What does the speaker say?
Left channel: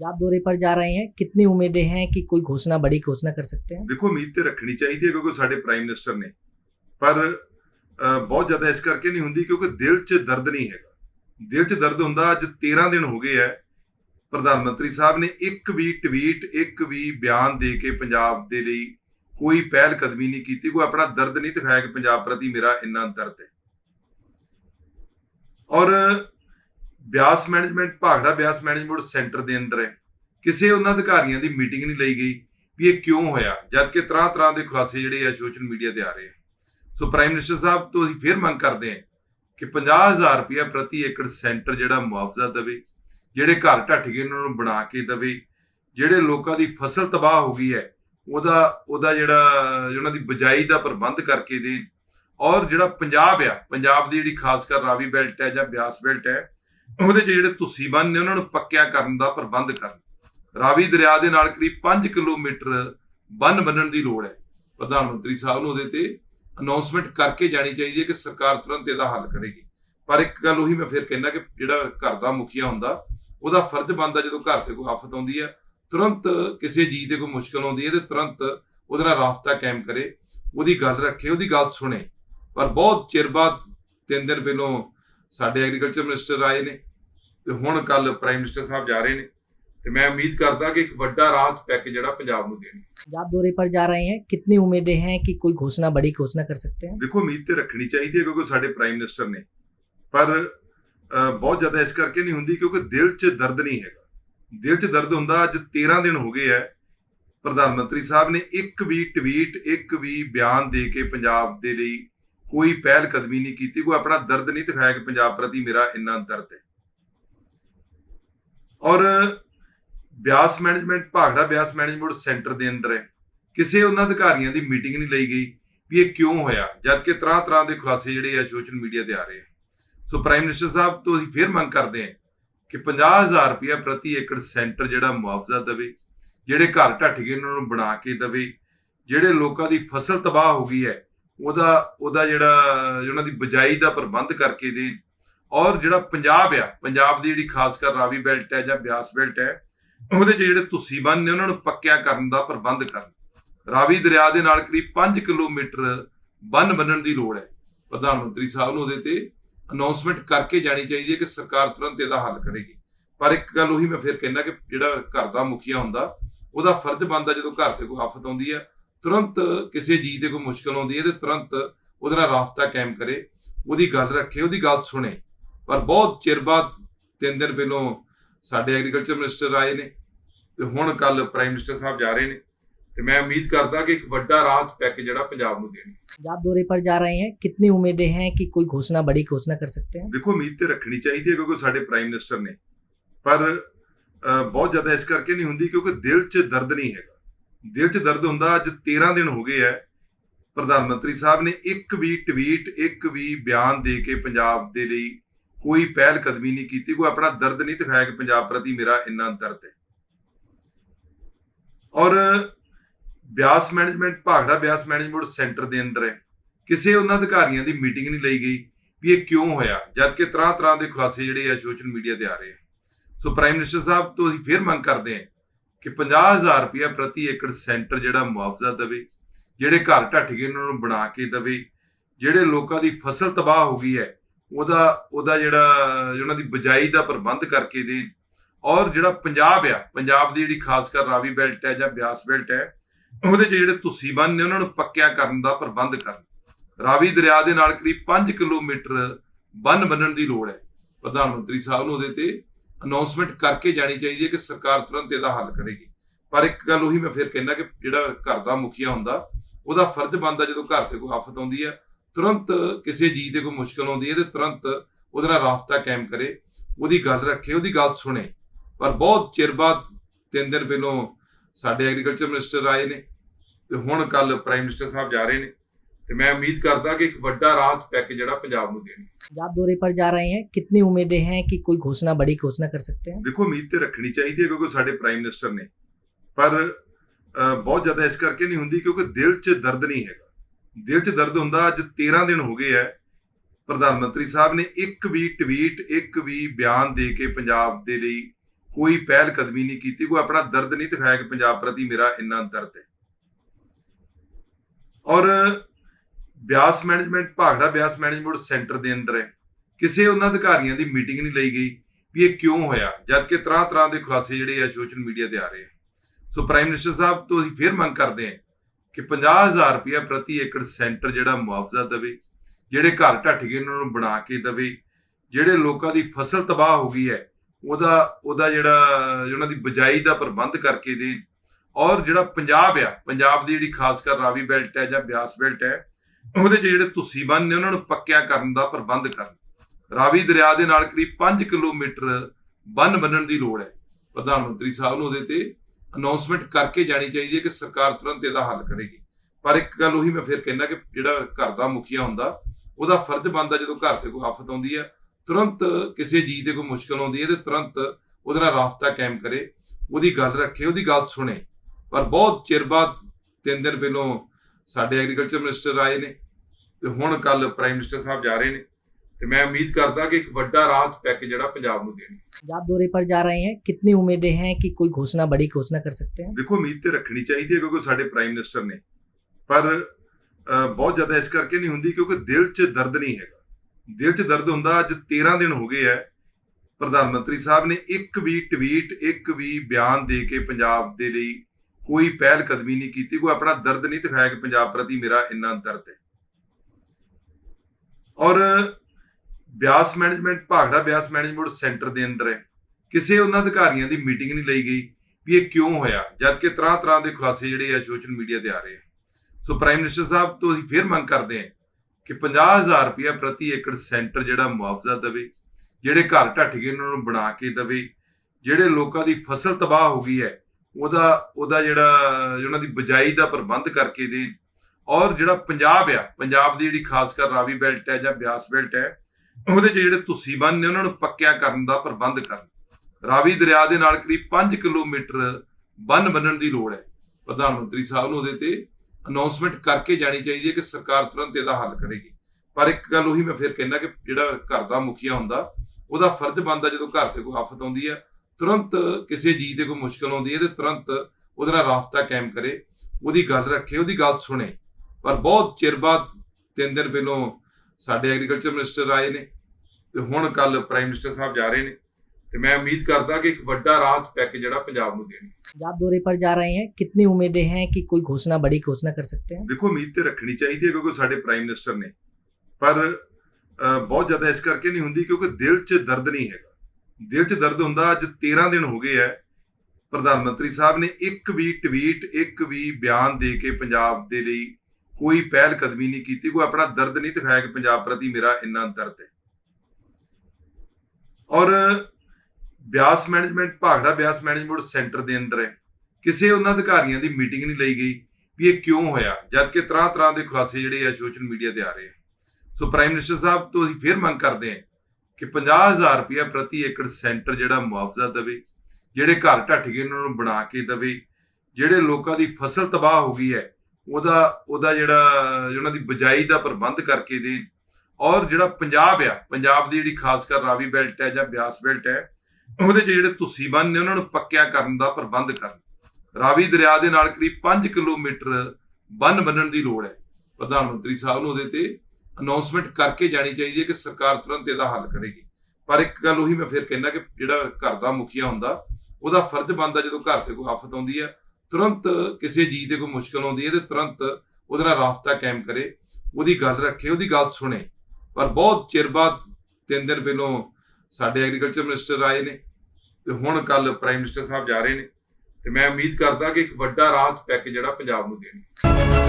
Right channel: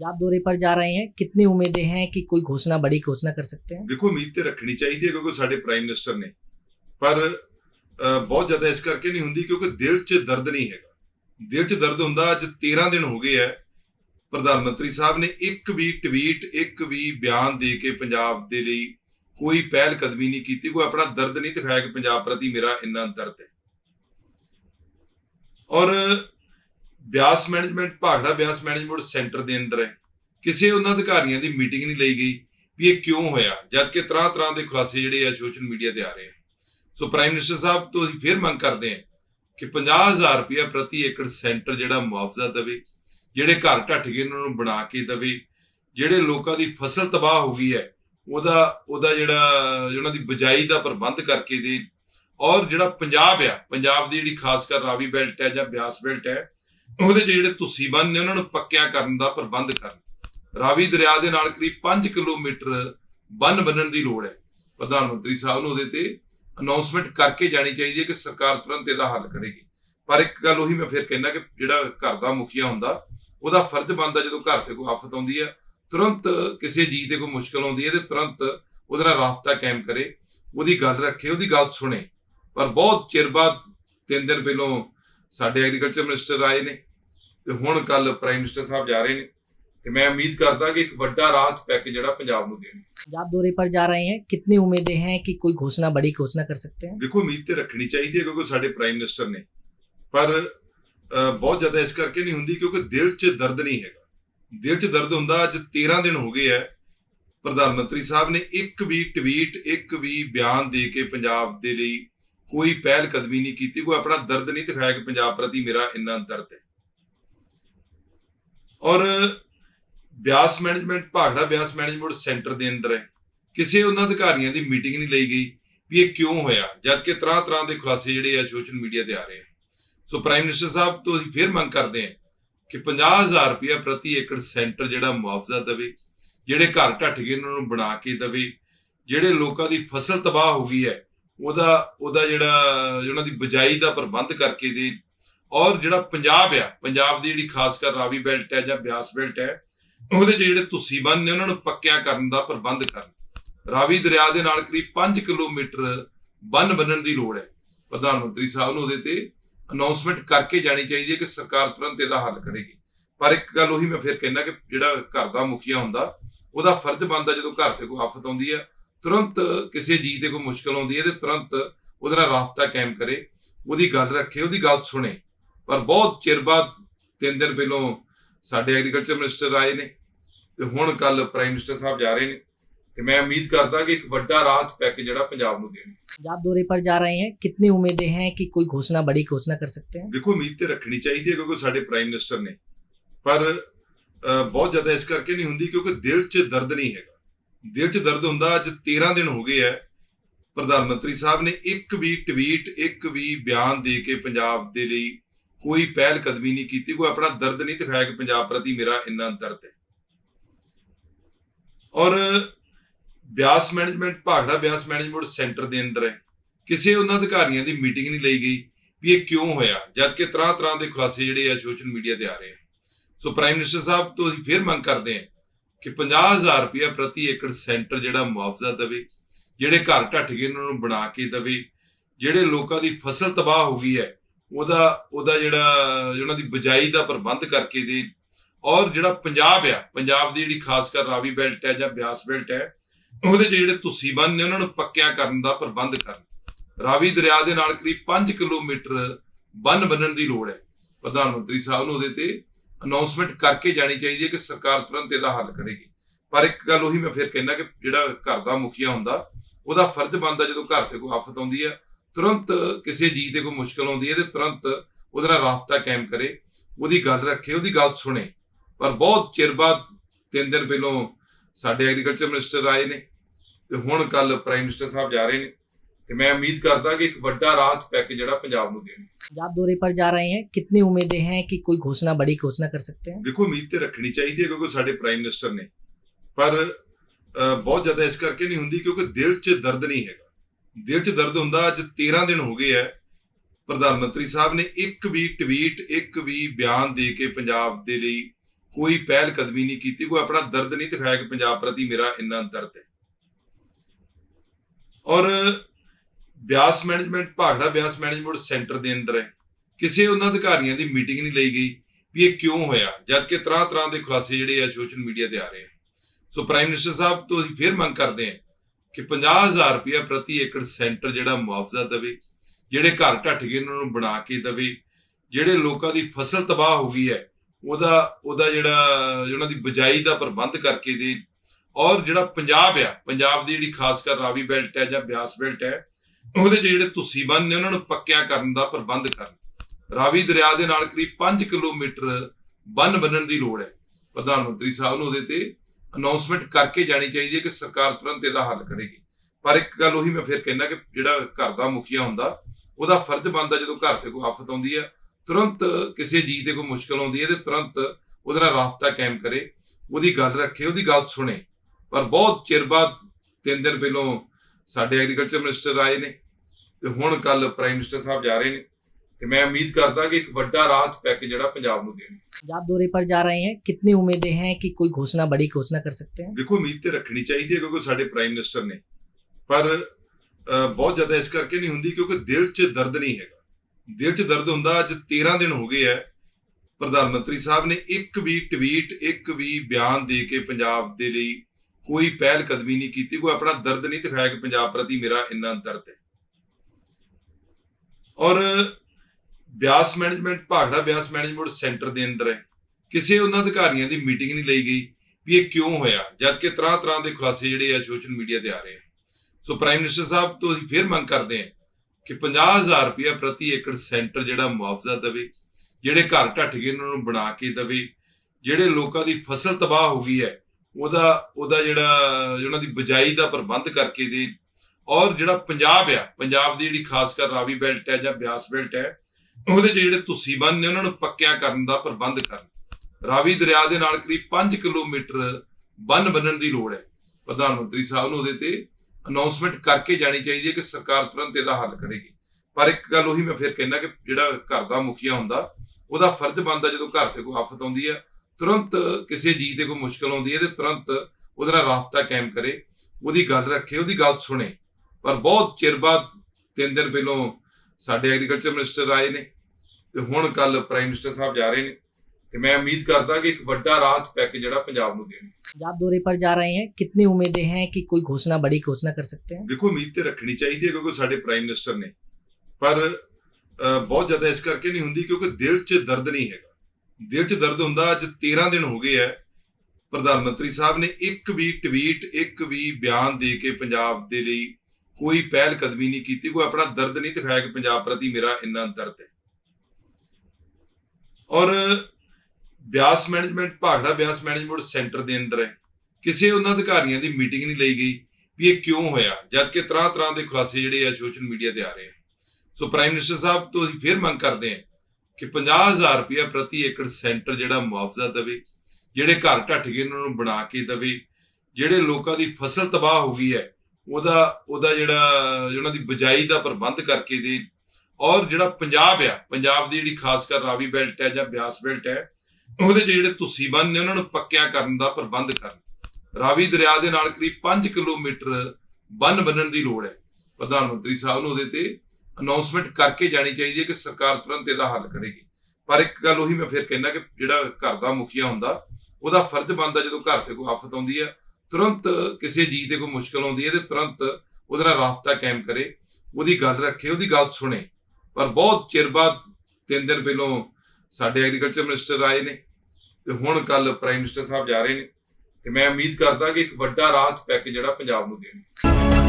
पंजाब दौरे पर जा रहे हैं कितनी उम्मीदें हैं कि कोई घोषणा बड़ी घोषणा कर सकते हैं ਦੇਖੋ ਉਮੀਦ ਤੇ ਰੱਖਣੀ ਚਾਹੀਦੀ ਹੈ ਕਿਉਂਕਿ ਸਾਡੇ ਪ੍ਰਾਈਮ ਮਿਨਿਸਟਰ ਨੇ ਪਰ ਅਹ, ਬਹੁਤ ਜ਼ਿਆਦਾ ਇਸ ਕਰਕੇ ਨਹੀਂ ਹੁੰਦੀ ਕਿਉਂਕਿ ਦਿਲ 'ਚ ਦਰਦ ਨਹੀਂ ਹੈਗਾ ਦਿਲ 'ਚ ਦਰਦ ਹੁੰਦਾ ਅੱਜ 13 ਦਿਨ ਹੋ ਗਏ ਹੈ ਪ੍ਰਧਾਨ ਮੰਤਰੀ ਸਾਹਿਬ ਨੇ ਇੱਕ ਵੀ ਟਵੀਟ ਇੱਕ ਵੀ ਬਿਆਨ ਦੇ ਕੇ ਪੰਜਾਬ ਦੇ ਲਈ ਕੋਈ ਪਹਿਲ ਕਦਮੀ ਨਹੀਂ ਕੀਤੀ ਕੋਈ ਆਪਣਾ ਦਰਦ ਨਹੀਂ ਦਿਖਾਇਆ ਕਿ ਪੰਜਾਬ ਪ੍ਰਤੀ ਮੇਰਾ ਇੰਨਾ ਦਰਦ ਹੈ ਔਰ Beas management ਭਾਗੜਾ Beas management centre ਦੇ ਅੰਦਰ ਹੈ। ਕਿਸੇ ਉਹਨਾਂ ਅਧਿਕਾਰੀਆਂ ਦੀ ਮੀਟਿੰਗ ਨਹੀਂ ਲਈ ਗਈ ਵੀ ਇਹ ਕਿਉਂ ਹੋਇਆ ਜਦ ਕਿ ਤਰ੍ਹਾਂ ਤਰ੍ਹਾਂ ਦੇ ਖੁਲਾਸੇ ਜਿਹੜੇ ਆ ਸੋਸ਼ਲ ਮੀਡੀਆ ਤੇ ਆ ਰਹੇ ਆ। ਸੋ ਪ੍ਰਾਈਮ ਮਿਨਿਸਟਰ ਸਾਹਿਬ, ਤੋਂ ਅਸੀਂ ਫੇਰ ਮੰਗ ਕਰਦੇ ਹਾਂ ਕਿ 50000 ਰੁਪਇਆ ਪ੍ਰਤੀ ਏਕੜ ਸੈਂਟਰ ਜਿਹੜਾ ਮੁਆਵਜ਼ਾ ਦੇਵੇ, ਜਿਹੜੇ ਘਰ ਢੱਟ ਗਏ ਉਹਨਾਂ ਨੂੰ ਬਣਾ ਕੇ ਦੇਵੇ, ਜਿਹੜੇ ਲੋਕਾਂ ਦੀ ਫਸਲ ਤਬਾਹ ਹੋ ਗਈ ਹੈ, ਉਹਦਾ ਉਹਦਾ ਜਿਹੜਾ ਉਹਨਾਂ ਦੀ ਬਜਾਈ ਦਾ ਪ੍ਰਬੰਧ ਕਰਕੇ ਦੇ, ਔਰ ਜਿਹੜਾ ਪੰਜਾਬ ਆ, ਪੰਜਾਬ ਦੀ ਜਿਹੜੀ ਖਾਸ ਕਰ ਰਾਵੀ ਬੈਲਟ ਹੈ ਜਾਂ ਬਿਆਸ ਬੈਲਟ ਹੈ ਉਹਦੇ 'ਚ ਜਿਹੜੇ ਤੁਸੀਂ ਬੰਨ ਨੇ ਉਹਨਾਂ ਨੂੰ ਪੱਕਿਆ ਕਰਨ ਦਾ ਪ੍ਰਬੰਧ ਕਰਨ। ਰਾਵੀ ਦਰਿਆ ਦੇ ਨਾਲ ਕਰੀਬ 5 ਕਿਲੋਮੀਟਰ ਬੰਨ ਬੰਨਣ ਦੀ ਲੋੜ ਹੈ। ਪ੍ਰਧਾਨ ਮੰਤਰੀ ਸਾਹਿਬ ਨੂੰ ਉਹਦੇ ਤੇ ਅਨਾਉਂਸਮੈਂਟ ਕਰਕੇ ਜਾਣੀ ਚਾਹੀਦੀ ਹੈ ਕਿ ਸਰਕਾਰ ਤੁਰੰਤ ਇਹਦਾ ਹੱਲ ਕਰੇਗੀ। ਪਰ ਇੱਕ ਗੱਲ ਉਹੀ ਮੈਂ ਫਿਰ ਕਹਿੰਦਾ ਕਿ ਜਿਹੜਾ ਘਰ ਦਾ ਮੁਖੀਆ ਹੁੰਦਾ, ਉਹਦਾ ਫਰਜ਼ ਬਣਦਾ ਜਦੋਂ ਘਰ ਤੇ ਕੋਈ ਆਫਤ ਆਉਂਦੀ ਹੈ, ਤੁਰੰਤ ਕਿਸੇ ਜੀ ਤੇ ਕੋਈ ਮੁਸ਼ਕਲ ਆਉਂਦੀ ਹੈ ਤੇ ਤੁਰੰਤ ਉਹਦੇ ਨਾਲ ਰਾਬਤਾ ਕਾਇਮ ਕਰੇ। ਉਹਦੀ ਗੱਲ ਰੱਖੇ, ਉਹਦੀ ਗੱਲ ਸੁਣੇ। ਪਰ ਬਹੁਤ ਚਿਰ ਬਾਅਦ ਤਿੰਨ ਦਿਨ ਪਹਿਲੋਂ ਸਾਡੇ ਐਗਰੀਕਲਚਰ ਮਿਨਿਸਟਰ ਆਏ ਨੇ ਤੇ ਹੁਣ ਕੱਲ ਪ੍ਰਾਈਮ ਮਿਨਿਸਟਰ ਸਾਹਿਬ ਜਾ ਰਹੇ ਨੇ ਤੇ ਮੈਂ ਉਮੀਦ ਕਰਦਾ ਕਿ ਇੱਕ ਵੱਡਾ ਰਾਹਤ ਪੈਕੇਜ ਜਿਹੜਾ ਪੰਜਾਬ ਨੂੰ ਦੇਣਗੇ पंजाब दौरे पर जा रहे हैं कितनी उम्मीदें हैं कि कोई घोषणा बड़ी घोषणा कर सकते हैं ਦੇਖੋ ਉਮੀਦ ਤੇ ਰੱਖਣੀ ਚਾਹੀਦੀ ਹੈ ਕਿਉਂਕਿ ਸਾਡੇ ਪ੍ਰਾਈਮ ਮਿਨਿਸਟਰ ਨੇ ਪਰ ਅਹ, ਬਹੁਤ ਜ਼ਿਆਦਾ ਇਸ ਕਰਕੇ ਨਹੀਂ ਹੁੰਦੀ ਕਿਉਂਕਿ ਦਿਲ 'ਚ ਦਰਦ ਨਹੀਂ ਹੈਗਾ ਦਿਲ 'ਚ ਦਰਦ ਹੁੰਦਾ ਅੱਜ 13 ਦਿਨ ਹੋ ਗਏ ਹੈ ਪ੍ਰਧਾਨ ਮੰਤਰੀ ਸਾਹਿਬ ਨੇ ਇੱਕ ਵੀ ਟਵੀਟ ਇੱਕ ਵੀ ਬਿਆਨ ਦੇ ਕੇ ਪੰਜਾਬ ਦੇ ਲਈ ਕੋਈ ਪਹਿਲ ਕਦਮੀ ਨਹੀਂ ਕੀਤੀ, ਕੋਈ ਆਪਣਾ ਦਰਦ ਨਹੀਂ ਦਿਖਾਇਆ ਕਿ ਪੰਜਾਬ ਪ੍ਰਤੀ ਮੇਰਾ ਇੰਨਾ ਦਰਦ ਹੈ। ਔਰ Beas management ਭਾਗੜਾ Beas management centre ਦੇ ਅੰਦਰ ਹੈ। ਕਿਸੇ ਉਹਨਾਂ ਅਧਿਕਾਰੀਆਂ ਦੀ ਮੀਟਿੰਗ ਨਹੀਂ ਲਈ ਗਈ ਵੀ ਇਹ ਕਿਉਂ ਹੋਇਆ ਜਦ ਕਿ ਤਰ੍ਹਾਂ ਤਰ੍ਹਾਂ ਦੇ ਖੁਲਾਸੇ ਜਿਹੜੇ ਆ ਸੋਸ਼ਲ ਮੀਡੀਆ ਤੇ ਆ ਰਹੇ ਆ। ਸੋ ਪ੍ਰਾਈਮ ਮਿਨਿਸਟਰ ਸਾਹਿਬ, ਤੋਂ ਅਸੀਂ ਫਿਰ ਮੰਗ ਕਰਦੇ ਹਾਂ ਕਿ 50000 ਰੁਪਇਆ ਪ੍ਰਤੀ ਏਕੜ ਸੈਂਟਰ ਜਿਹੜਾ ਮੁਆਵਜ਼ਾ ਦੇਵੇ, ਜਿਹੜੇ ਘਰ ਢੱਠ ਗਏ ਉਹਨਾਂ ਨੂੰ ਬਣਾ ਕੇ ਦੇਵੇ, ਜਿਹੜੇ ਲੋਕਾਂ ਦੀ ਫਸਲ ਤਬਾਹ ਹੋ ਗਈ ਹੈ ਉਹਦਾ ਉਹਦਾ ਜਿਹੜਾ ਉਹਨਾਂ ਦੀ ਬਜਾਈ ਦਾ ਪ੍ਰਬੰਧ ਕਰਕੇ ਦੇ, ਔਰ ਜਿਹੜਾ ਪੰਜਾਬ ਆ, ਪੰਜਾਬ ਦੀ ਜਿਹੜੀ ਖਾਸ ਕਰ ਰਾਵੀ ਬੈਲਟ ਹੈ ਜਾਂ ਬਿਆਸ ਬੈਲਟ ਹੈ, ਉਹਦੇ 'ਚ ਜਿਹੜੇ ਤੁਸੀਂ ਬੰਨ ਨੇ, ਉਹਨਾਂ ਨੂੰ ਪੱਕਿਆ ਕਰਨ ਦਾ ਪ੍ਰਬੰਧ ਕਰਨ ਰਾਵੀ ਦਰਿਆ ਦੇ ਨਾਲ ਕਰੀਬ 5 ਕਿਲੋਮੀਟਰ ਬੰਨ ਬੰਨਣ ਦੀ ਲੋੜ ਹੈ। ਪ੍ਰਧਾਨ ਮੰਤਰੀ ਸਾਹਿਬ ਨੂੰ ਉਹਦੇ ਤੇ ਅਨਾਉਂਸਮੈਂਟ ਕਰਕੇ ਜਾਣੀ ਚਾਹੀਦੀ ਹੈ ਕਿ ਸਰਕਾਰ ਤੁਰੰਤ ਇਹਦਾ ਹੱਲ ਕਰੇਗੀ। ਪਰ ਇੱਕ ਗੱਲ ਉਹੀ ਮੈਂ ਫਿਰ ਕਹਿੰਦਾ ਕਿ ਜਿਹੜਾ ਘਰ ਦਾ ਮੁਖੀਆ ਹੁੰਦਾ, ਉਹਦਾ ਫਰਜ਼ ਬਣਦਾ ਜਦੋਂ ਘਰ ਤੇ ਕੋਈ ਆਫਤ ਆਉਂਦੀ ਹੈ ਤੁਰੰਤ ਕਿਸੇ ਜੀ ਤੇ ਕੋਈ ਮੁਸ਼ਕਲ ਆਉਂਦੀ ਹੈ ਤੇ ਤੁਰੰਤ ਉਹਦੇ ਨਾਲ ਰਾਬਤਾ ਕਾਇਮ ਕਰੇ ਉਹਦੀ ਗੱਲ ਰੱਖੇ ਉਹਦੀ ਗੱਲ ਸੁਣੇ ਪਰ ਬਹੁਤ ਚਿਰ ਬਾਅਦ ਤਿੰਨ ਦਿਨ ਪਹਿਲਾਂ ਸਾਡੇ ਐਗਰੀਕਲਚਰ ਮਿਨਿਸਟਰ ਆਏ ਨੇ ਤੇ ਹੁਣ ਕੱਲ ਪ੍ਰਾਈਮ ਮਿਨਿਸਟਰ ਸਾਹਿਬ ਜਾ ਰਹੇ ਨੇ ਤੇ ਮੈਂ ਉਮੀਦ ਕਰਦਾ ਕਿ ਇੱਕ ਵੱਡਾ ਰਾਹਤ ਪੈਕੇਜ ਜਿਹੜਾ ਪੰਜਾਬ ਨੂੰ ਦੇਣਗੇ पंजाब दौरे पर जा रहे हैं कितनी उम्मीदें हैं कि कोई घोषणा बड़ी घोषणा कर सकते हैं ਦੇਖੋ ਉਮੀਦ ਤੇ ਰੱਖਣੀ ਚਾਹੀਦੀ ਹੈ ਕਿਉਂਕਿ ਸਾਡੇ ਪ੍ਰਾਈਮ ਮਿਨਿਸਟਰ ਨੇ ਪਰ ਅਹ, ਬਹੁਤ ਜ਼ਿਆਦਾ ਇਸ ਕਰਕੇ ਨਹੀਂ ਹੁੰਦੀ ਕਿਉਂਕਿ ਦਿਲ 'ਚ ਦਰਦ ਨਹੀਂ ਹੈਗਾ ਦਿਲ 'ਚ ਦਰਦ ਹੁੰਦਾ, ਅੱਜ 13 ਦਿਨ ਹੋ ਗਏ ਹੈ ਪ੍ਰਧਾਨ ਮੰਤਰੀ ਸਾਹਿਬ ਨੇ ਇੱਕ ਵੀ ਟਵੀਟ, ਇੱਕ ਵੀ ਬਿਆਨ ਦੇ ਕੇ ਪੰਜਾਬ ਦੇ ਲਈ ਕੋਈ ਪਹਿਲ ਕਦਮੀ ਨਹੀਂ ਕੀਤੀ। ਕੋਈ ਆਪਣਾ ਦਰਦ ਨਹੀਂ ਦਿਖਾਇਆ ਕਿ ਪੰਜਾਬ ਪ੍ਰਤੀ ਮੇਰਾ ਇੰਨਾ ਦਰਦ ਹੈ ਔਰ Beas management ਭਾਗੜਾ Beas management centre ਦੇ ਅੰਦਰ ਹੈ ਕਿਸੇ ਉਹਨਾਂ ਅਧਿਕਾਰੀਆਂ ਦੀ ਮੀਟਿੰਗ ਨਹੀਂ ਲਈ ਗਈ ਵੀ ਇਹ ਕਿਉਂ ਹੋਇਆ, ਜਦ ਕਿ ਤਰ੍ਹਾਂ ਤਰ੍ਹਾਂ ਦੇ ਖੁਲਾਸੇ ਜਿਹੜੇ ਆ ਸੋਸ਼ਲ ਮੀਡੀਆ ਤੇ ਆ ਰਹੇ ਆ। ਸੋ ਪ੍ਰਾਈਮ ਮਿਨਿਸਟਰ ਸਾਹਿਬ ਤੋਂ ਅਸੀਂ ਫੇਰ ਮੰਗ ਕਰਦੇ ਹਾਂ ਕਿ 50000 ਰੁਪਇਆ ਪ੍ਰਤੀ ਏਕੜ ਸੈਂਟਰ ਜਿਹੜਾ ਮੁਆਵਜ਼ਾ ਦੇਵੇ, ਜਿਹੜੇ ਘਰ ਢੱਟ ਗਏ ਉਹਨਾਂ ਨੂੰ ਬਣਾ ਕੇ ਦੇਵੇ, ਜਿਹੜੇ ਲੋਕਾਂ ਦੀ ਫਸਲ ਤਬਾਹ ਹੋ ਗਈ ਹੈ, ਉਹਦਾ ਉਹਦਾ ਜਿਹੜਾ ਉਹਨਾਂ ਦੀ ਬਜਾਈ ਦਾ ਪ੍ਰਬੰਧ ਕਰਕੇ ਦੇ, ਔਰ ਜਿਹੜਾ ਪੰਜਾਬ ਆ, ਪੰਜਾਬ ਦੀ ਜਿਹੜੀ ਖਾਸ ਕਰ ਰਾਵੀ ਬੈਲਟ ਹੈ ਜਾਂ ਬਿਆਸ ਬੈਲਟ ਹੈ, ਉਹਦੇ 'ਚ ਜਿਹੜੇ ਤੁਸੀਂ ਬੰਨ ਨੇ, ਉਹਨਾਂ ਨੂੰ ਪੱਕਿਆ ਕਰਨ ਦਾ ਪ੍ਰਬੰਧ ਕਰਨ। ਰਾਵੀ ਦਰਿਆ ਦੇ ਨਾਲ ਕਰੀਬ 5 ਕਿਲੋਮੀਟਰ ਬੰਨ ਬੰਨਣ ਦੀ ਲੋੜ ਹੈ। ਪ੍ਰਧਾਨ ਮੰਤਰੀ ਸਾਹਿਬ ਨੂੰ ਉਹਦੇ ਤੇ ਅਨਾਉਂਸਮੈਂਟ ਕਰਕੇ ਜਾਣੀ ਚਾਹੀਦੀ ਹੈ ਕਿ ਸਰਕਾਰ ਤੁਰੰਤ ਇਹਦਾ ਹੱਲ ਕਰੇਗੀ। ਪਰ ਇੱਕ ਗੱਲ ਉਹੀ ਮੈਂ ਫਿਰ ਕਹਿੰਦਾ ਕਿ ਜਿਹੜਾ ਘਰ ਦਾ ਮੁਖੀਆ ਹੁੰਦਾ, ਉਹਦਾ ਫਰਜ਼ ਬਣਦਾ ਜਦੋਂ ਘਰ ਤੇ ਕੋਈ ਆਫਤ ਆਉਂਦੀ ਹੈ, ਤੁਰੰਤ ਕਿਸੇ ਜੀ ਤੇ ਕੋਈ ਮੁਸ਼ਕਲ ਆਉਂਦੀ ਹੈ ਤੇ ਤੁਰੰਤ ਉਹਦੇ ਨਾਲ ਰਾਬਤਾ ਕਾਇਮ ਕਰੇ, ਉਹਦੀ ਗੱਲ ਰੱਖੇ, ਉਹਦੀ ਗੱਲ ਸੁਣੇ। ਪਰ ਬਹੁਤ ਚਿਰ ਬਾਅਦ ਤਿੰਨ ਦਿਨ ਪਹਿਲਾਂ ਸਾਡੇ ਐਗਰੀਕਲਚਰ ਮਿਨਿਸਟਰ ਆਏ ਨੇ ਤੇ ਹੁਣ ਕੱਲ ਪ੍ਰਾਈਮ ਮਿਨਿਸਟਰ ਸਾਹਿਬ ਜਾ ਰਹੇ ਨੇ। ਤੇ ਮੈਂ ਉਮੀਦ ਕਰਦਾ ਕਿ ਇੱਕ ਵੱਡਾ ਰਾਹਤ ਪੈਕੇਜ ਜਿਹੜਾ ਪੰਜਾਬ ਨੂੰ ਦੇਣਗੇ पंजाब दौरे पर जा रहे हैं कितनी उम्मीदें हैं कि कोई घोषणा बड़ी घोषणा कर सकते हैं ਦੇਖੋ ਉਮੀਦ ਤੇ ਰੱਖਣੀ ਚਾਹੀਦੀ ਹੈ ਕਿਉਂਕਿ ਸਾਡੇ ਪ੍ਰਾਈਮ ਮਿਨਿਸਟਰ ਨੇ ਪਰ ਅਹ, ਬਹੁਤ ਜ਼ਿਆਦਾ ਇਸ ਕਰਕੇ ਨਹੀਂ ਹੁੰਦੀ ਕਿਉਂਕਿ ਦਿਲ 'ਚ ਦਰਦ ਨਹੀਂ ਹੈਗਾ ਦਿਲ 'ਚ ਦਰਦ ਹੁੰਦਾ ਅੱਜ 13 ਦਿਨ ਹੋ ਗਏ ਹੈ ਪ੍ਰਧਾਨ ਮੰਤਰੀ ਸਾਹਿਬ ਨੇ ਇੱਕ ਵੀ ਟਵੀਟ ਇੱਕ ਵੀ ਬਿਆਨ ਦੇ ਕੇ ਪੰਜਾਬ ਦੇ ਲਈ ਕੋਈ ਪਹਿਲ ਕਦਮੀ ਨਹੀਂ ਕੀਤੀ ਕੋਈ ਆਪਣਾ ਦਰਦ ਨਹੀਂ ਦਿਖਾਇਆ ਕਿ ਪੰਜਾਬ ਪ੍ਰਤੀ ਮੇਰਾ ਇੰਨਾ ਦਰਦ ਹੈ ਔਰ Beas management ਭਾਗੜਾ Beas management centre ਦੇ ਅੰਦਰ ਹੈ। ਕਿਸੇ ਉਹਨਾਂ ਅਧਿਕਾਰੀਆਂ ਦੀ ਮੀਟਿੰਗ ਨਹੀਂ ਲਈ ਗਈ ਵੀ ਇਹ ਕਿਉਂ ਹੋਇਆ ਜਦ ਕਿ ਤਰ੍ਹਾਂ ਤਰ੍ਹਾਂ ਦੇ ਖੁਲਾਸੇ ਜਿਹੜੇ ਆ ਸੋਸ਼ਲ ਮੀਡੀਆ ਤੇ ਆ ਰਹੇ ਆ। ਸੋ ਪ੍ਰਾਈਮ ਮਿਨਿਸਟਰ ਸਾਹਿਬ, ਤੋਂ ਅਸੀਂ ਫੇਰ ਮੰਗ ਕਰਦੇ ਹਾਂ ਕਿ 50000 ਰੁਪਇਆ ਪ੍ਰਤੀ ਏਕੜ ਸੈਂਟਰ ਜਿਹੜਾ ਮੁਆਵਜ਼ਾ ਦੇਵੇ, ਜਿਹੜੇ ਘਰ ਢੱਠ ਗਏ ਉਹਨਾਂ ਨੂੰ ਬਣਾ ਕੇ ਦੇਵੇ, ਜਿਹੜੇ ਲੋਕਾਂ ਦੀ ਫਸਲ ਤਬਾਹ ਹੋ ਗਈ ਹੈ, ਉਹਦਾ ਉਹਦਾ ਜਿਹੜਾ ਉਹਨਾਂ ਦੀ ਬਜਾਈ ਦਾ ਪ੍ਰਬੰਧ ਕਰਕੇ ਦੇ, ਔਰ ਜਿਹੜਾ ਪੰਜਾਬ ਆ, ਪੰਜਾਬ ਦੀ ਜਿਹੜੀ ਖਾਸ ਕਰ ਰਾਵੀ ਬੈਲਟ ਹੈ ਜਾਂ ਬਿਆਸ ਬੈਲਟ ਹੈ ਉਹਦੇ 'ਚ ਜਿਹੜੇ ਤੁਸੀਂ ਬੰਨ ਨੇ, ਉਹਨਾਂ ਨੂੰ ਪੱਕਿਆ ਕਰਨ ਦਾ ਪ੍ਰਬੰਧ ਕਰਨ। ਰਾਵੀ ਦਰਿਆ ਦੇ ਨਾਲ ਕਰੀਬ 5 ਕਿਲੋਮੀਟਰ ਬੰਨ ਬੰਨਣ ਦੀ ਲੋੜ ਹੈ। ਪ੍ਰਧਾਨ ਮੰਤਰੀ ਸਾਹਿਬ ਨੂੰ ਉਹਦੇ ਤੇ ਅਨਾਉਂਸਮੈਂਟ ਕਰਕੇ ਜਾਣੀ ਚਾਹੀਦੀ ਹੈ ਕਿ ਸਰਕਾਰ ਤੁਰੰਤ ਇਹਦਾ ਹੱਲ ਕਰੇਗੀ। ਪਰ ਇੱਕ ਗੱਲ ਉਹੀ ਮੈਂ ਫਿਰ ਕਹਿੰਦਾ ਕਿ ਜਿਹੜਾ ਘਰ ਦਾ ਮੁਖੀਆ ਹੁੰਦਾ, ਉਹਦਾ ਫਰਜ਼ ਬਣਦਾ ਜਦੋਂ ਘਰ ਤੇ ਕੋਈ ਆਫਤ ਆਉਂਦੀ ਹੈ, ਤੁਰੰਤ ਕਿਸੇ ਜੀ ਤੇ ਕੋਈ ਮੁਸ਼ਕਲ ਆਉਂਦੀ ਹੈ ਤੇ ਤੁਰੰਤ ਉਹਦੇ ਨਾਲ ਰਾਬਤਾ ਕਾਇਮ ਕਰੇ। ਉਹਦੀ ਗੱਲ ਰੱਖੇ, ਉਹਦੀ ਗੱਲ ਸੁਣੇ। ਪਰ ਬਹੁਤ ਚਿਰ ਬਾਅਦ ਤਿੰਨ ਦਿਨ ਪਹਿਲੋਂ ਸਾਡੇ ਐਗਰੀਕਲਚਰ ਮਿਨਿਸਟਰ ਆਏ ਨੇ ਤੇ ਹੁਣ ਕੱਲ ਪ੍ਰਾਈਮ ਮਿਨਿਸਟਰ ਸਾਹਿਬ ਜਾ ਰਹੇ ਨੇ ਤੇ ਮੈਂ ਉਮੀਦ ਕਰਦਾ ਕਿ ਇੱਕ ਵੱਡਾ ਰਾਹਤ ਪੈਕੇਜ ਜਿਹੜਾ ਪੰਜਾਬ ਨੂੰ ਦੇਣਗੇ पंजाब दौरे पर जा रहे हैं कितनी उम्मीदें हैं कि कोई घोषणा बड़ी घोषणा कर सकते हैं ਦੇਖੋ ਉਮੀਦ ਤੇ ਰੱਖਣੀ ਚਾਹੀਦੀ ਹੈ ਕਿਉਂਕਿ ਸਾਡੇ ਪ੍ਰਾਈਮ ਮਿਨਿਸਟਰ ਨੇ ਪਰ ਅਹ, ਬਹੁਤ ਜ਼ਿਆਦਾ ਇਸ ਕਰਕੇ ਨਹੀਂ ਹੁੰਦੀ ਕਿਉਂਕਿ ਦਿਲ 'ਚ ਦਰਦ ਨਹੀਂ ਹੈਗਾ ਦਿਲ 'ਚ ਦਰਦ ਹੁੰਦਾ ਅੱਜ 13 ਦਿਨ ਹੋ ਗਏ ਹੈ ਪ੍ਰਧਾਨ ਮੰਤਰੀ ਸਾਹਿਬ ਨੇ ਇੱਕ ਵੀ ਟਵੀਟ ਇੱਕ ਵੀ ਬਿਆਨ ਦੇ ਕੇ ਪੰਜਾਬ ਦੇ ਲਈ ਕੋਈ ਪਹਿਲ ਕਦਮੀ ਨਹੀਂ ਕੀਤੀ, ਕੋਈ ਆਪਣਾ ਦਰਦ ਨਹੀਂ ਦਿਖਾਇਆ ਕਿ ਪੰਜਾਬ ਪ੍ਰਤੀ ਮੇਰਾ ਇੰਨਾ ਦਰਦ ਹੈ। ਔਰ Beas management ਭਾਗੜਾ Beas management centre ਦੇ ਅੰਦਰ ਹੈ। ਕਿਸੇ ਉਹਨਾਂ ਅਧਿਕਾਰੀਆਂ ਦੀ ਮੀਟਿੰਗ ਨਹੀਂ ਲਈ ਗਈ ਵੀ ਇਹ ਕਿਉਂ ਹੋਇਆ ਜਦ ਕਿ ਤਰ੍ਹਾਂ ਤਰ੍ਹਾਂ ਦੇ ਖੁਲਾਸੇ ਜਿਹੜੇ ਆ ਸੋਸ਼ਲ ਮੀਡੀਆ ਤੇ ਆ ਰਹੇ ਆ। ਸੋ ਪ੍ਰਾਈਮ ਮਿਨਿਸਟਰ ਸਾਹਿਬ, ਤੋਂ ਅਸੀਂ ਫੇਰ ਮੰਗ ਕਰਦੇ ਹਾਂ ਕਿ 50000 ਰੁਪਇਆ ਪ੍ਰਤੀ ਏਕੜ ਸੈਂਟਰ ਜਿਹੜਾ ਮੁਆਵਜ਼ਾ ਦੇਵੇ, ਜਿਹੜੇ ਘਰ ਢੱਟ ਗਏ ਉਹਨਾਂ ਨੂੰ ਬਣਾ ਕੇ ਦੇਵੇ, ਜਿਹੜੇ ਲੋਕਾਂ ਦੀ ਫਸਲ ਤਬਾਹ ਹੋ ਗਈ ਹੈ ਉਹਦਾ ਉਹਦਾ ਜਿਹੜਾ ਉਹਨਾਂ ਦੀ ਬਜਾਈ ਦਾ ਪ੍ਰਬੰਧ ਕਰਕੇ ਦੇ, ਔਰ ਜਿਹੜਾ ਪੰਜਾਬ ਆ, ਪੰਜਾਬ ਦੀ ਜਿਹੜੀ ਖਾਸ ਕਰ ਰਾਵੀ ਬੈਲਟ ਹੈ ਜਾਂ ਬਿਆਸ ਬੈਲਟ ਹੈ, ਉਹਦੇ 'ਚ ਜਿਹੜੇ ਤੁਸੀਂ ਬੰਨ ਨੇ, ਉਹਨਾਂ ਨੂੰ ਪੱਕਿਆ ਕਰਨ ਦਾ ਪ੍ਰਬੰਧ ਕਰਨ। ਰਾਵੀ ਦਰਿਆ ਦੇ ਨਾਲ ਕਰੀਬ 5 ਕਿਲੋਮੀਟਰ ਬੰਨ ਬੰਨਣ ਦੀ ਲੋੜ ਹੈ। ਪ੍ਰਧਾਨ ਮੰਤਰੀ ਸਾਹਿਬ ਨੂੰ ਉਹਦੇ ਤੇ ਅਨਾਉਂਸਮੈਂਟ ਕਰਕੇ ਜਾਣੀ ਚਾਹੀਦੀ ਹੈ ਕਿ ਸਰਕਾਰ ਤੁਰੰਤ ਇਹਦਾ ਹੱਲ ਕਰੇਗੀ। ਪਰ ਇੱਕ ਗੱਲ ਉਹੀ ਮੈਂ ਫਿਰ ਕਹਿੰਦਾ ਕਿ ਜਿਹੜਾ ਘਰ ਦਾ ਮੁਖੀਆ ਹੁੰਦਾ, ਉਹਦਾ ਫਰਜ਼ ਬਣਦਾ ਜਦੋਂ ਘਰ ਤੇ ਕੋਈ ਆਫਤ ਆਉਂਦੀ ਹੈ ਤੁਰੰਤ ਕਿਸੇ ਜੀ ਤੇ ਕੋਈ ਮੁਸ਼ਕਲ ਆਉਂਦੀ ਹੈ ਤੇ ਤੁਰੰਤ ਉਹਦੇ ਨਾਲ ਰਾਬਤਾ ਕਾਇਮ ਕਰੇ ਉਹਦੀ ਗੱਲ ਰੱਖੇ ਉਹਦੀ ਗੱਲ ਸੁਣੇ ਪਰ ਬਹੁਤ ਚਿਰ ਬਾਅਦ ਤਿੰਨ ਦਿਨ ਪਹਿਲੋਂ ਸਾਡੇ ਐਗਰੀਕਲਚਰ ਮਿਨਿਸਟਰ ਆਏ ਨੇ ਤੇ ਹੁਣ ਕੱਲ ਪ੍ਰਾਈਮ ਮਿਨਿਸਟਰ ਸਾਹਿਬ ਜਾ ਰਹੇ ਨੇ ਤੇ ਮੈਂ ਉਮੀਦ ਕਰਦਾ ਕਿ ਇੱਕ ਵੱਡਾ ਰਾਹਤ ਪੈਕੇਜ ਜਿਹੜਾ ਪੰਜਾਬ ਨੂੰ ਦੇਣਗੇ पंजाब दौरे पर जा रहे हैं कितनी उम्मीदें हैं कि कोई घोषणा बड़ी घोषणा कर सकते हैं ਦੇਖੋ ਉਮੀਦ ਤੇ ਰੱਖਣੀ ਚਾਹੀਦੀ ਹੈ ਕਿਉਂਕਿ ਸਾਡੇ ਪ੍ਰਾਈਮ ਮਿਨਿਸਟਰ ਨੇ ਪਰ ਅਹ, ਬਹੁਤ ਜ਼ਿਆਦਾ ਇਸ ਕਰਕੇ ਨਹੀਂ ਹੁੰਦੀ ਕਿਉਂਕਿ ਦਿਲ 'ਚ ਦਰਦ ਨਹੀਂ ਹੈਗਾ ਦਿਲ 'ਚ ਦਰਦ ਹੁੰਦਾ, ਅੱਜ 13 ਦਿਨ ਹੋ ਗਏ ਹੈ ਪ੍ਰਧਾਨ ਮੰਤਰੀ ਸਾਹਿਬ ਨੇ ਇੱਕ ਵੀ ਟਵੀਟ, ਇੱਕ ਵੀ ਬਿਆਨ ਦੇ ਕੇ ਪੰਜਾਬ ਦੇ ਲਈ ਕੋਈ ਪਹਿਲ ਕਦਮੀ ਨਹੀਂ ਕੀਤੀ। ਕੋਈ ਆਪਣਾ ਦਰਦ ਨਹੀਂ ਦਿਖਾਇਆ ਕਿ ਪੰਜਾਬ ਪ੍ਰਤੀ ਮੇਰਾ ਇੰਨਾ ਦਰਦ ਹੈ ਔਰ Beas management Bhakra Beas management centre ਦੇ ਅੰਦਰ ਹੈ ਕਿਸੇ ਉਹਨਾਂ ਅਧਿਕਾਰੀਆਂ ਦੀ ਮੀਟਿੰਗ ਨਹੀਂ ਲਈ ਗਈ ਵੀ ਇਹ ਕਿਉਂ ਹੋਇਆ ਜਦ ਕਿ ਤਰ੍ਹਾਂ ਤਰ੍ਹਾਂ ਦੇ ਖੁਲਾਸੇ ਜਿਹੜੇ ਆ ਸੋਸ਼ਲ ਮੀਡੀਆ ਤੇ ਆ ਰਹੇ ਆ ਸੋ ਪ੍ਰਾਈਮ ਮਿਨਿਸਟਰ ਸਾਹਿਬ ਤੋਂ ਅਸੀਂ ਫੇਰ ਮੰਗ ਕਰਦੇ ਹਾਂ ਕਿ 50000 ਰੁਪਇਆ ਪ੍ਰਤੀ ਏਕੜ ਸੈਂਟਰ ਜਿਹੜਾ ਮੁਆਵਜ਼ਾ ਦੇਵੇ, ਜਿਹੜੇ ਘਰ ਢੱਠ ਗਏ ਉਹਨਾਂ ਨੂੰ ਬਣਾ ਕੇ ਦੇਵੇ, ਜਿਹੜੇ ਲੋਕਾਂ ਦੀ ਫਸਲ ਤਬਾਹ ਹੋ ਗਈ ਹੈ, ਉਹਦਾ ਉਹਦਾ ਜਿਹੜਾ ਉਹਨਾਂ ਦੀ ਬਜਾਈ ਦਾ ਪ੍ਰਬੰਧ ਕਰਕੇ ਦੇ, ਔਰ ਜਿਹੜਾ ਪੰਜਾਬ ਆ, ਪੰਜਾਬ ਦੀ ਜਿਹੜੀ ਖਾਸ ਕਰ ਰਾਵੀ ਬੈਲਟ ਹੈ ਜਾਂ ਬਿਆਸ ਬੈਲਟ ਹੈ, ਉਹਦੇ 'ਚ ਜਿਹੜੇ ਤੁਸੀਂ ਬੰਨ ਨੇ, ਉਹਨਾਂ ਨੂੰ ਪੱਕਿਆ ਕਰਨ ਦਾ ਪ੍ਰਬੰਧ ਕਰਨ। ਰਾਵੀ ਦਰਿਆ ਦੇ ਨਾਲ ਕਰੀਬ 5 ਕਿਲੋਮੀਟਰ ਬੰਨ ਬੰਨਣ ਦੀ ਲੋੜ ਹੈ। ਪ੍ਰਧਾਨ ਮੰਤਰੀ ਸਾਹਿਬ ਨੂੰ ਉਹਦੇ ਤੇ ਅਨਾਉਂਸਮੈਂਟ ਕਰਕੇ ਜਾਣੀ ਚਾਹੀਦੀ ਹੈ ਕਿ ਸਰਕਾਰ ਤੁਰੰਤ ਇਹਦਾ ਹੱਲ ਕਰੇਗੀ। ਪਰ ਇੱਕ ਗੱਲ ਉਹੀ ਮੈਂ ਫਿਰ ਕਹਿੰਦਾ ਕਿ ਜਿਹੜਾ ਘਰ ਦਾ ਮੁਖੀਆ ਹੁੰਦਾ, ਉਹਦਾ ਫਰਜ਼ ਬਣਦਾ ਜਦੋਂ ਘਰ ਤੇ ਕੋਈ ਆਫਤ ਆਉਂਦੀ ਹੈ, ਤੁਰੰਤ ਕਿਸੇ ਜੀ ਤੇ ਕੋਈ ਮੁਸ਼ਕਲ ਆਉਂਦੀ ਹੈ ਤੇ ਤੁਰੰਤ ਉਹਦੇ ਨਾਲ ਰਾਬਤਾ ਕਾਇਮ ਕਰੇ। ਉਹਦੀ ਗੱਲ ਰੱਖੇ, ਉਹਦੀ ਗੱਲ ਸੁਣੇ। ਪਰ ਬਹੁਤ ਚਿਰ ਬਾਅਦ ਤਿੰਨ ਦਿਨ ਪਹਿਲੋਂ ਸਾਡੇ ਐਗਰੀਕਲਚਰ ਮਿਨਿਸਟਰ ਆਏ ਨੇ ਤੇ ਹੁਣ ਕੱਲ ਪ੍ਰਾਈਮ ਮਿਨਿਸਟਰ ਸਾਹਿਬ ਜਾ ਰਹੇ ਨੇ ਤੇ ਮੈਂ ਉਮੀਦ ਕਰਦਾ ਕਿ ਇੱਕ ਵੱਡਾ ਰਾਹਤ ਪੈਕੇਜ ਜਿਹੜਾ ਪੰਜਾਬ ਨੂੰ ਦੇਣਗੇ